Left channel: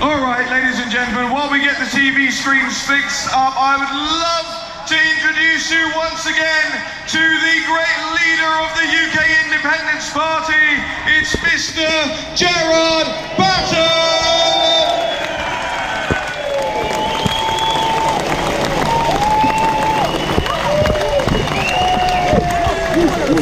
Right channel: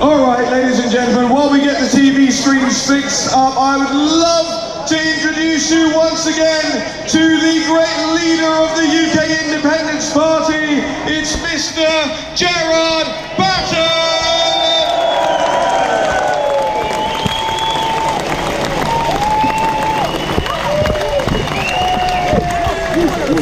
Alright, ladies and gentlemen, while we get the TV screens fixed up, I would love to introduce you once again to the great leader of the UK Independence Party. It's Mr. Gerard Batten!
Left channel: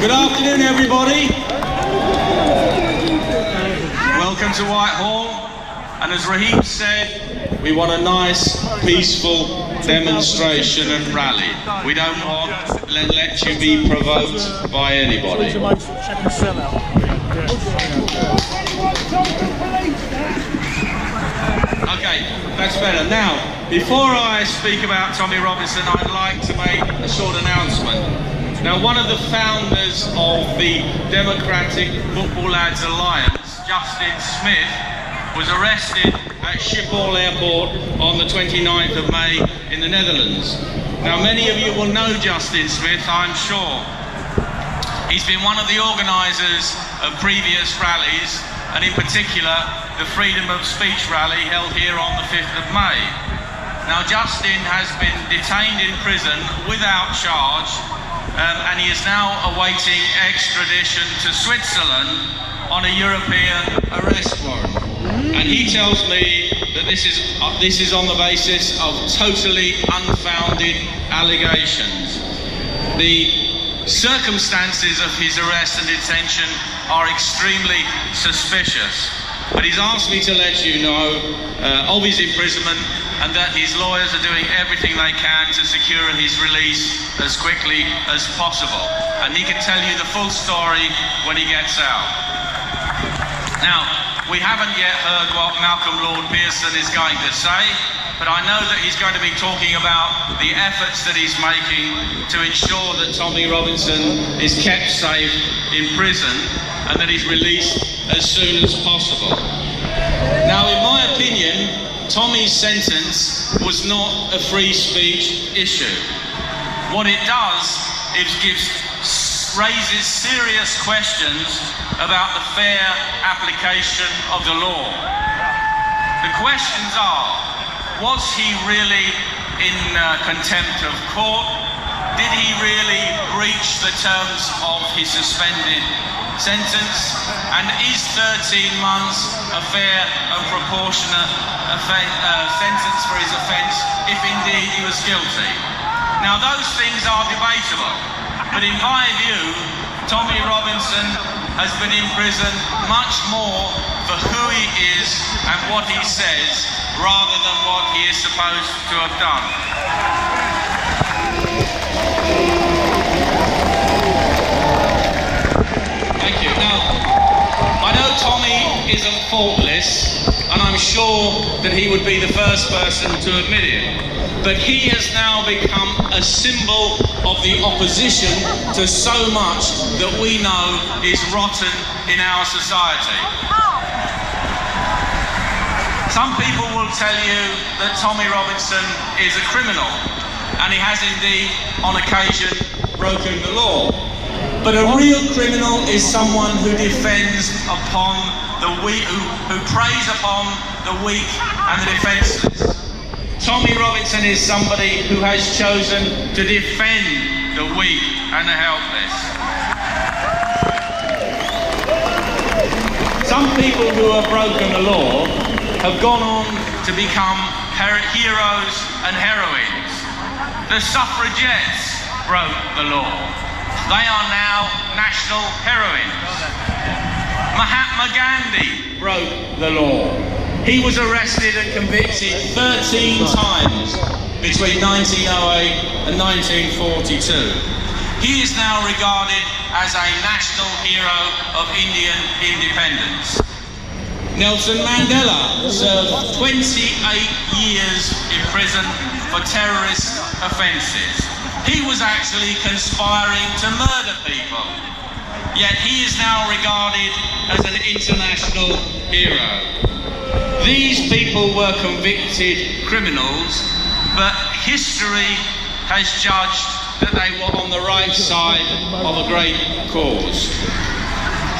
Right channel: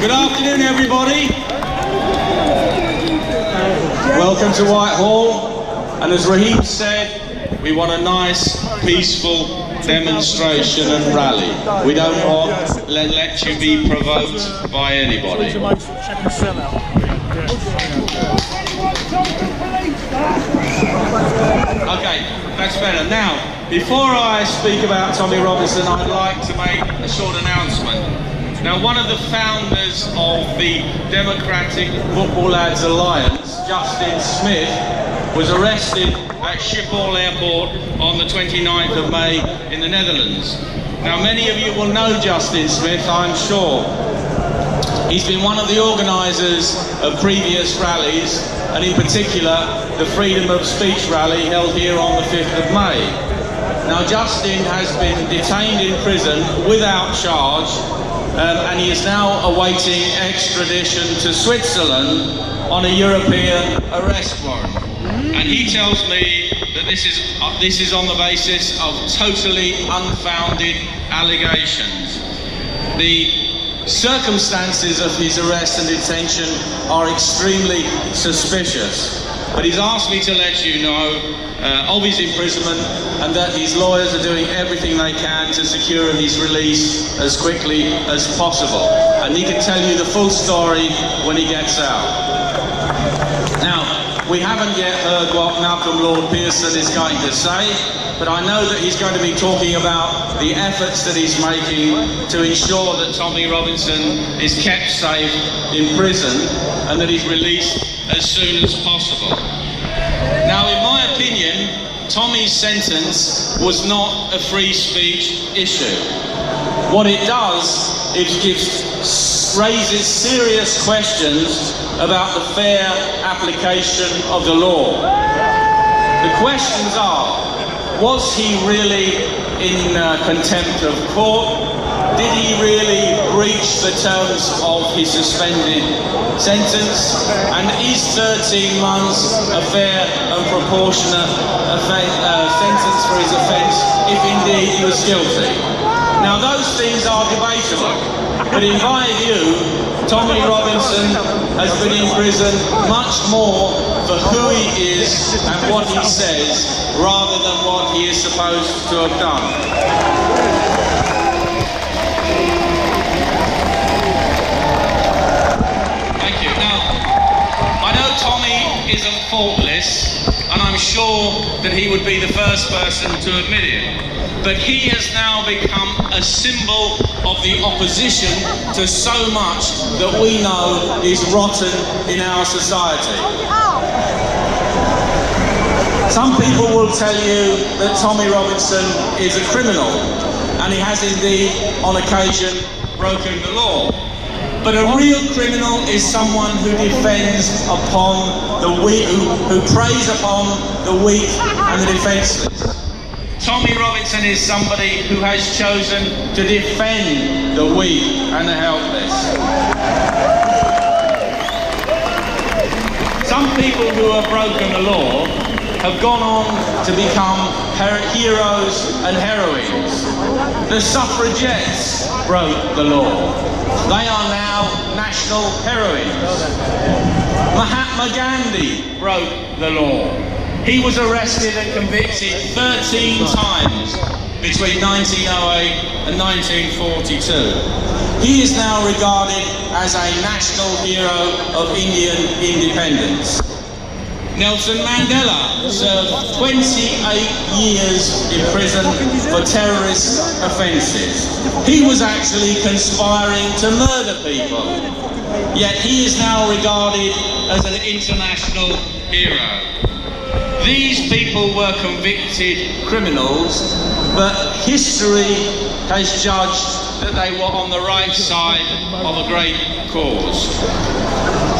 Good afternoon, everybody. Welcome to Whitehall. And as Raheem said, we want a nice, peaceful demonstration and rally. We don't want to let you be provoked by anybody. Okay, that's better. Now, before I speak about Tommy Robinson, I'd like to make a short announcement. Now, one of the founders of the Democratic Football Lads Alliance, Justin Smith, was arrested at Schiphol Airport on the 29th of May in the Netherlands. Now, many of you will know Justin Smith, I'm sure. He's been one of the organisers of previous rallies, and in particular, the Freedom of Speech rally held here on the 5th of May. Now, Justin has been detained in prison without charge, and he is now awaiting extradition to Switzerland on a European arrest warrant. And he tells me that this is on the basis of totally unfounded allegations. The circumstances of his arrest and detention are extremely suspicious. But he's asked me to let you know of his imprisonment and that his lawyers are doing everything they can to secure his release as quickly as possible. And he can tell you the full story when he gets out. Now, we haven't yet heard what Malcolm Lord Pearson is going to say, but I know that he's going to be talking about the efforts that he's making to ensure that Tommy Robinson is kept safe in prison and that he's released as soon as possible. Now, in my opinion, Tommy's sentence was not a free speech issue. What it does is raises serious questions about the fair application of the law. The questions are, was he really in contempt of court? Did he really breach the terms of his suspended sentence? And is 13 months a fair and proportionate sentence for his offence if indeed he was guilty? Now, those things are debatable, but in my view, Tommy Robinson has been in prison much more for who he is and what he says rather than what he is supposed to have done. Thank you. Now, I know Tommy isn't faultless, and I'm sure that he would be the first person to admit it. But he has now become a symbol of the opposition to so much that we know is rotten in our society. Some people will tell you that Tommy Robinson is a criminal, and he has indeed, on occasion, broken the law. But a real criminal is someone who defends upon the weak, who preys upon the weak and the defenceless. Tommy Robinson is somebody who has chosen to defend the weak and the helpless. Some people who have broken the law have gone on to become heroes and heroines. The suffragettes broke the law. They are now national heroines. Mahatma Gandhi broke the law. He was arrested and convicted 13 times between 1908 and 1942. He is now regarded as a national hero of Indian independence. Nelson Mandela served 28 years in prison for terrorist offences. He was actually conspiring to murder people, yet he is now regarded as an international hero. These people were convicted criminals, but history has judged that they were on the right side of a great cause.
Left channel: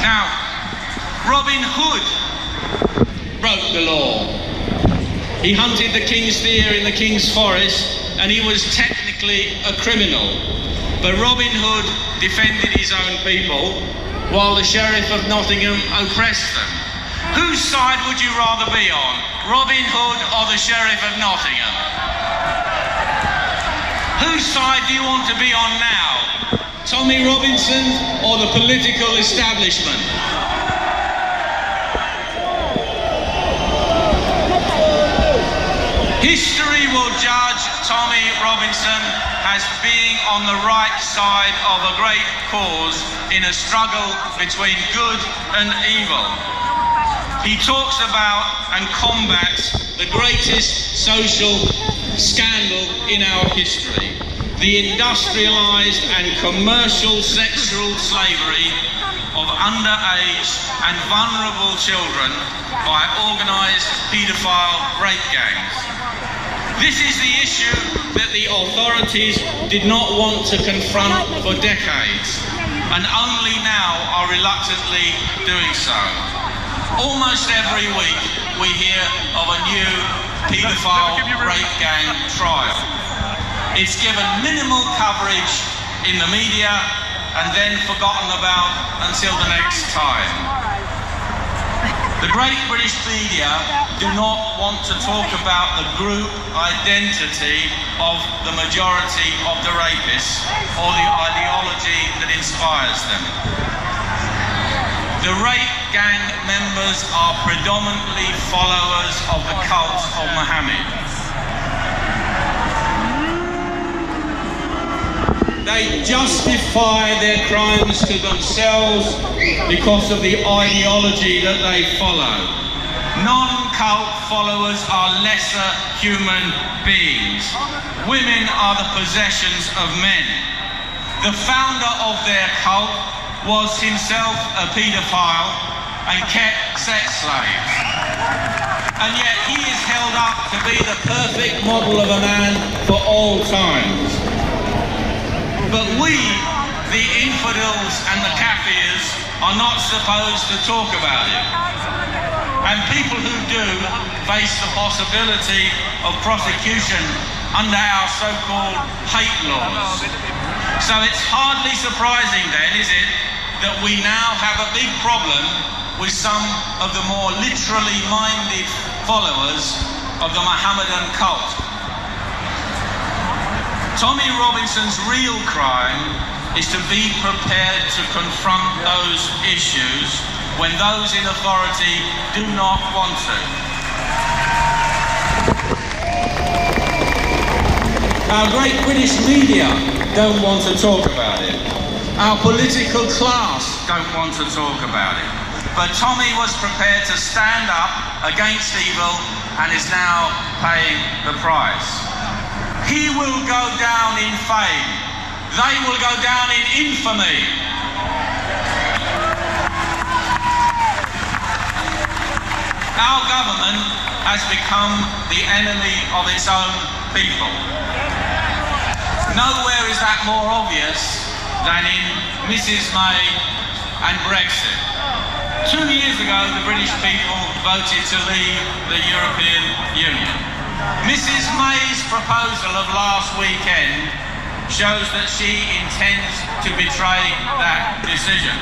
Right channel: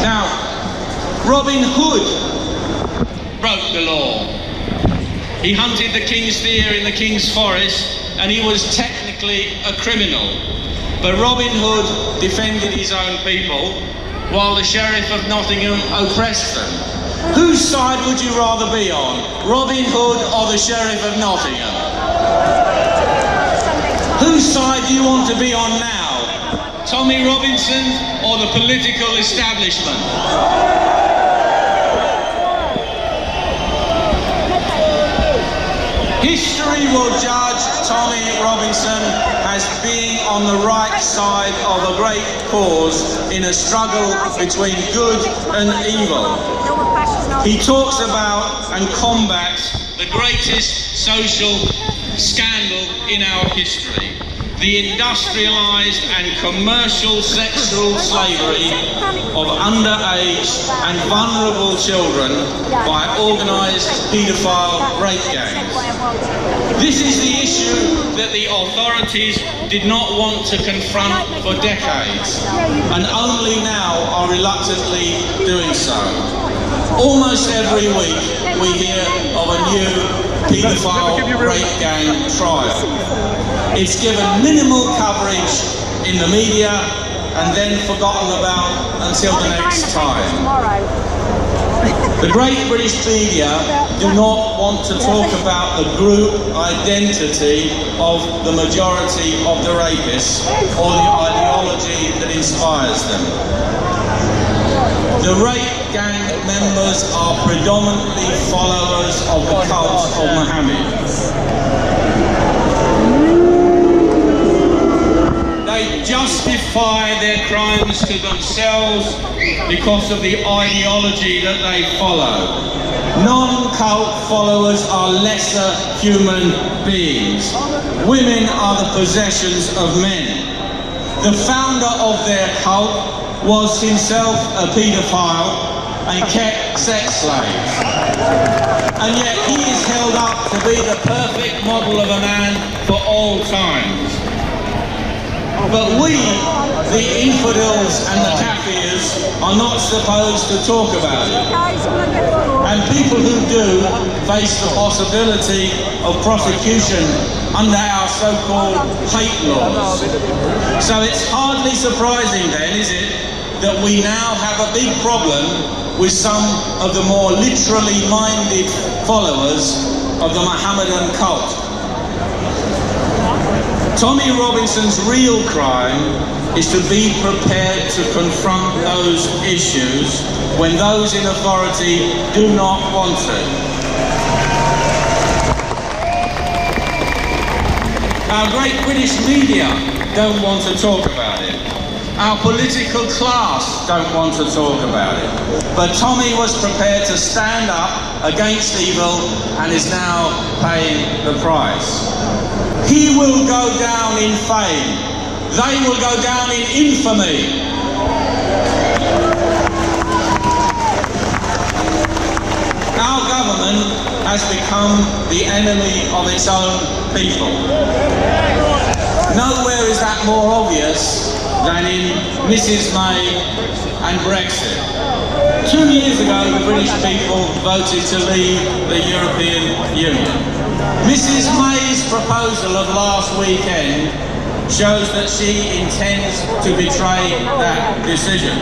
Now, Robin Hood broke the law. He hunted the king's deer in the king's forest, and he was technically a criminal. But Robin Hood defended his own people, while the Sheriff of Nottingham oppressed them. Whose side would you rather be on, Robin Hood or the Sheriff of Nottingham? Whose side do you want to be on now, Tommy Robinson or the political establishment? History will judge Tommy Robinson as being on the right side of a great cause in a struggle between good and evil. He talks about and combats the greatest social scandal in our history, the industrialised and commercial sexual slavery of underage and vulnerable children by organised paedophile rape gangs. This is the issue that the authorities did not want to confront for decades, and only now are reluctantly doing so. Almost every week we hear of a new paedophile rape gang trial. It's given minimal coverage in the media and then forgotten about until the next time. The great British media do not want to talk about the group identity of the majority of the rapists or the ideology that inspires them. The rape gang members are predominantly followers of the cult of Muhammad. They justify their crimes to themselves because of the ideology that they follow. Non-cult followers are lesser human beings. Women are the possessions of men. The founder of their cult was himself a paedophile and kept sex slaves. And yet he is held up to be the perfect model of a man for all times. But we, the infidels and the Kafirs, are not supposed to talk about it. And people who do face the possibility of prosecution under our so-called hate laws. So it's hardly surprising then, is it, that we now have a big problem with some of the more literally minded followers of the Mohammedan cult. Tommy Robinson's real crime is to be prepared to confront those issues when those in authority do not want to. Our great British media don't want to talk about it. Our political class don't want to talk about it. But Tommy was prepared to stand up against evil and is now paying the price. He will go down in fame. They will go down in infamy. Our government has become the enemy of its own people. Nowhere is that more obvious than in Mrs May and Brexit. 2 years ago, the British people voted to leave the European Union. Mrs May's proposal of last weekend shows that she intends to betray that decision.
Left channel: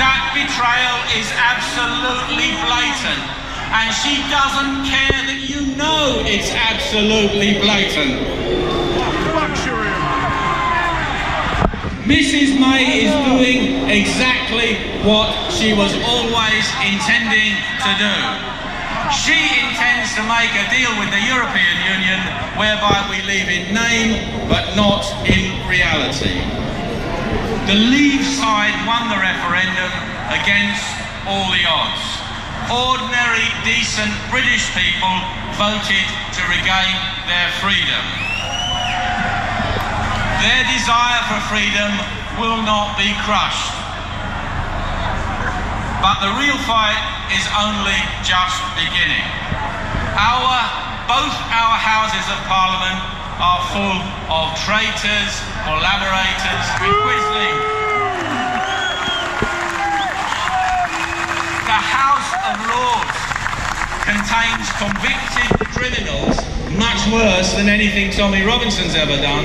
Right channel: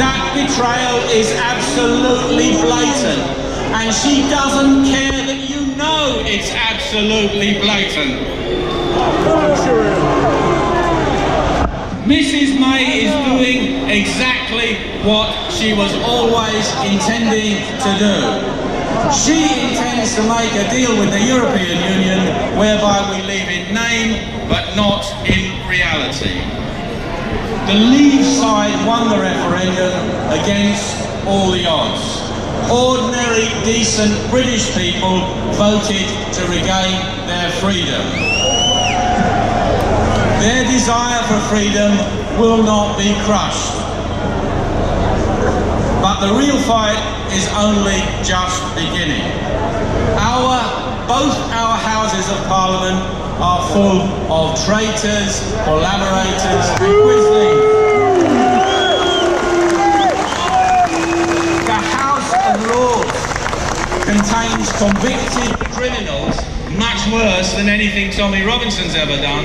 That betrayal is absolutely blatant, and she doesn't care that you know it's absolutely blatant. Mrs May is doing exactly what she was always intending to do. She intends to make a deal with the European Union whereby we leave in name but not in reality. The Leave side won the referendum against all the odds. Ordinary, decent British people voted to regain their freedom. Their desire for freedom will not be crushed. But the real fight is only just beginning. Both our houses of Parliament are full of traitors, collaborators with Quisling. The House of Lords can contains convicted criminals much worse than anything Tommy Robinson's ever done.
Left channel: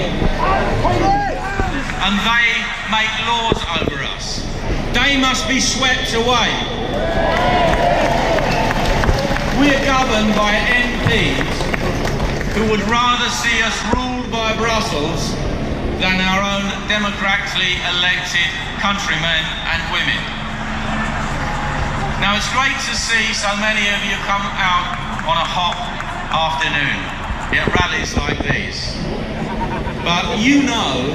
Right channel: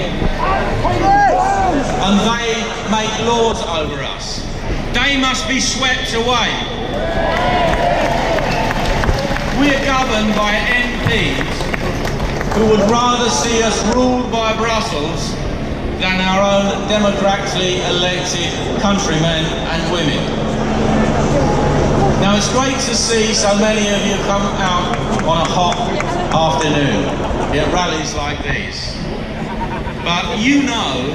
And they make laws over us. They must be swept away. We're governed by MPs who would rather see us ruled by Brussels than our own democratically elected countrymen and women. Now, it's great to see so many of you come out on a hot afternoon at rallies like these. But you know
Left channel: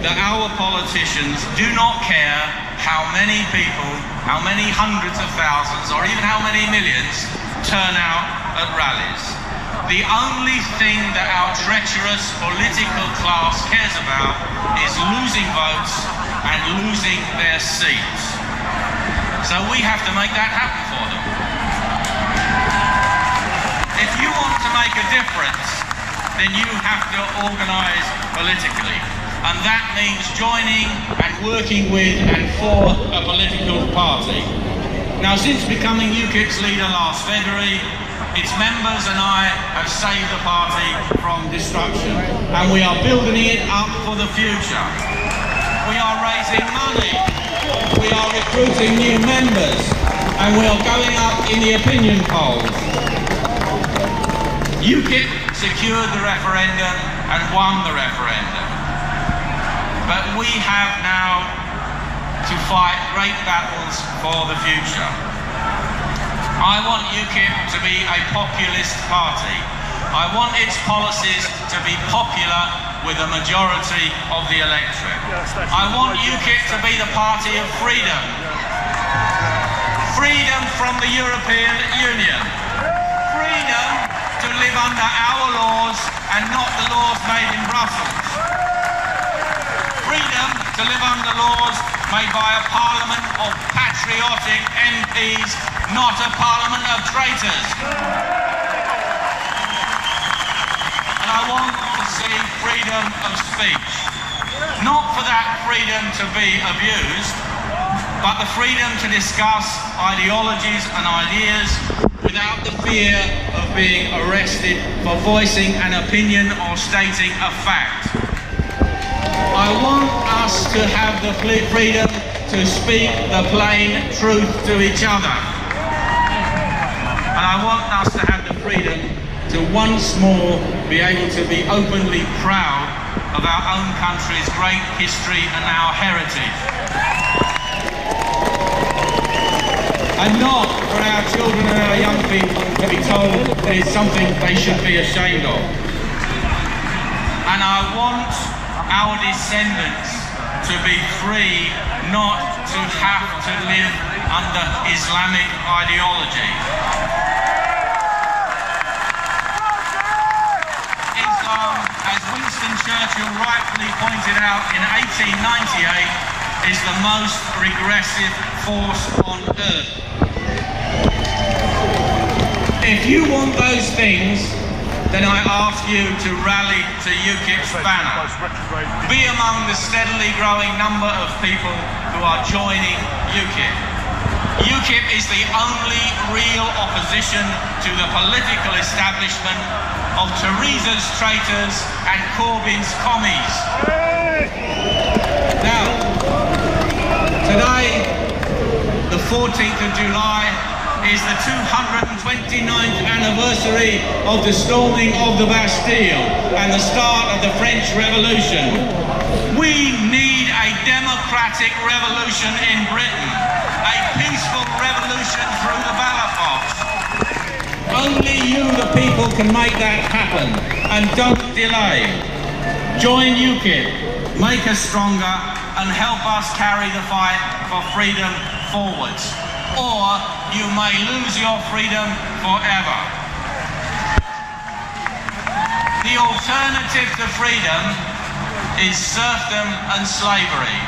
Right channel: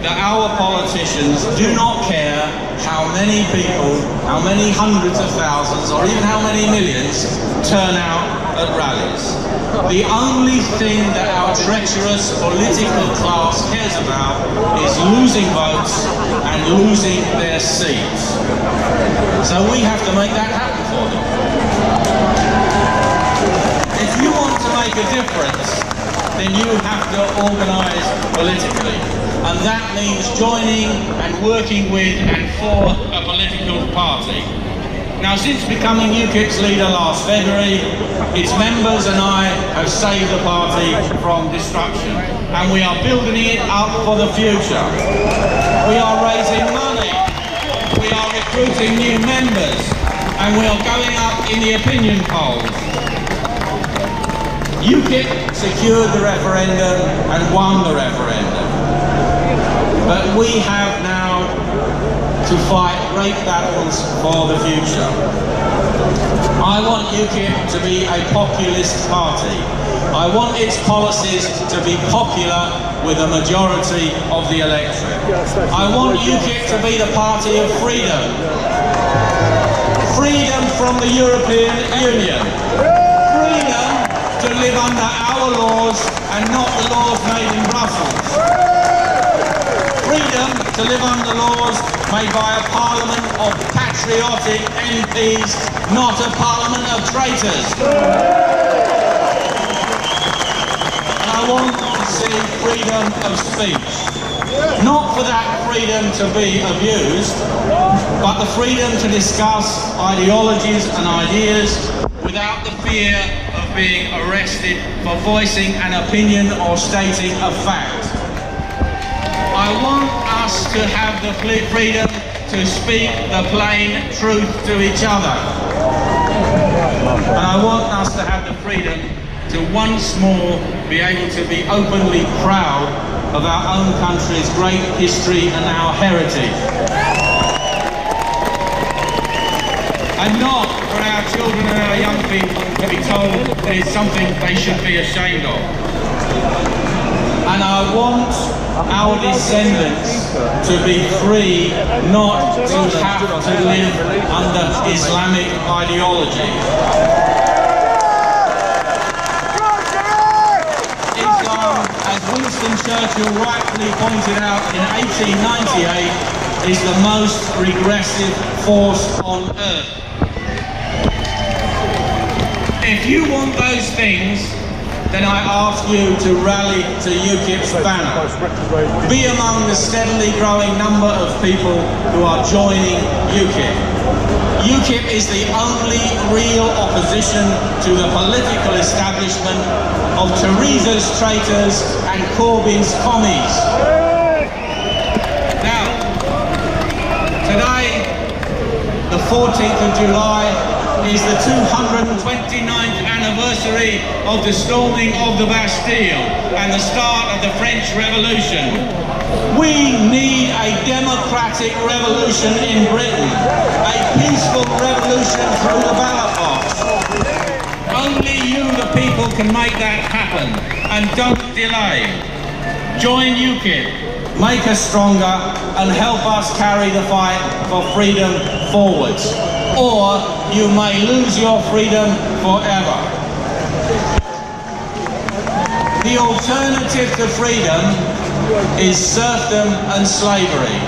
that our politicians do not care how many people, how many hundreds of thousands, or even how many millions turn out at rallies. The only thing that our treacherous political class cares about is losing votes and losing their seats. So we have to make that happen for them. If you want to make a difference, then you have to organise politically. And that means joining and working with and for a political party. Now, since becoming UKIP's leader last February, its members and I have saved the party from destruction, and we are building it up for the future. We are raising money, we are recruiting new members, and we are going up in the opinion polls. UKIP secured the referendum and won the referendum. But we have now to fight great battles for the future. I want UKIP to be a populist party. I want its policies to be popular with a majority of the electorate. I want UKIP to be the party of freedom. Freedom from the European Union. Freedom to live under our laws and not the laws made in Brussels. Freedom to live under laws made by a parliament of patriotic MPs, not a parliament of traitors. And I want to see freedom of speech. Not for that freedom to be abused, but the freedom to discuss ideologies and ideas without the fear of being arrested for voicing an opinion or stating a fact. I want us to have the freedom to speak the plain truth to each other. And I want us to have the freedom to once more be able to be openly proud of our own country's great history and our heritage. And not for our children and our young people to be told that it's something they should be ashamed of. And I want our descendants to be free, not to have to live under Islamic ideology. Islam, as Winston Churchill rightfully pointed out in 1898, is the most regressive force on earth. If you want those things, then I ask you to rally to UKIP's banner. Be among the steadily growing number of people who are joining UKIP. UKIP is the only real opposition to the political establishment of Theresa's traitors and Corbyn's commies. Now, today, the 14th of July, is the 229th anniversary of the storming of the Bastille and the start of the French Revolution. We need a democratic revolution in Britain, a peaceful revolution through the ballot box. Only you, the people, can make that happen, and don't delay. Join UKIP, make us stronger, and help us carry the fight for freedom forwards. Or you may lose your freedom forever. The alternative to freedom is serfdom and slavery.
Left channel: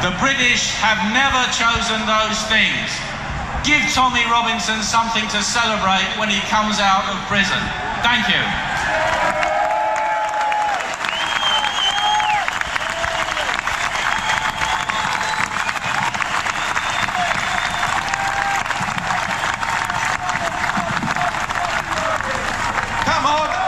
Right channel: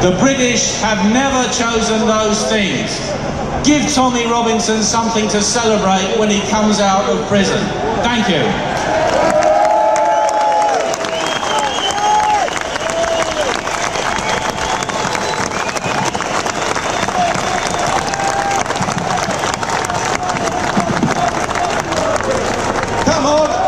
The British have never chosen those things. Give Tommy Robinson something to celebrate when he comes out of prison. Thank you. of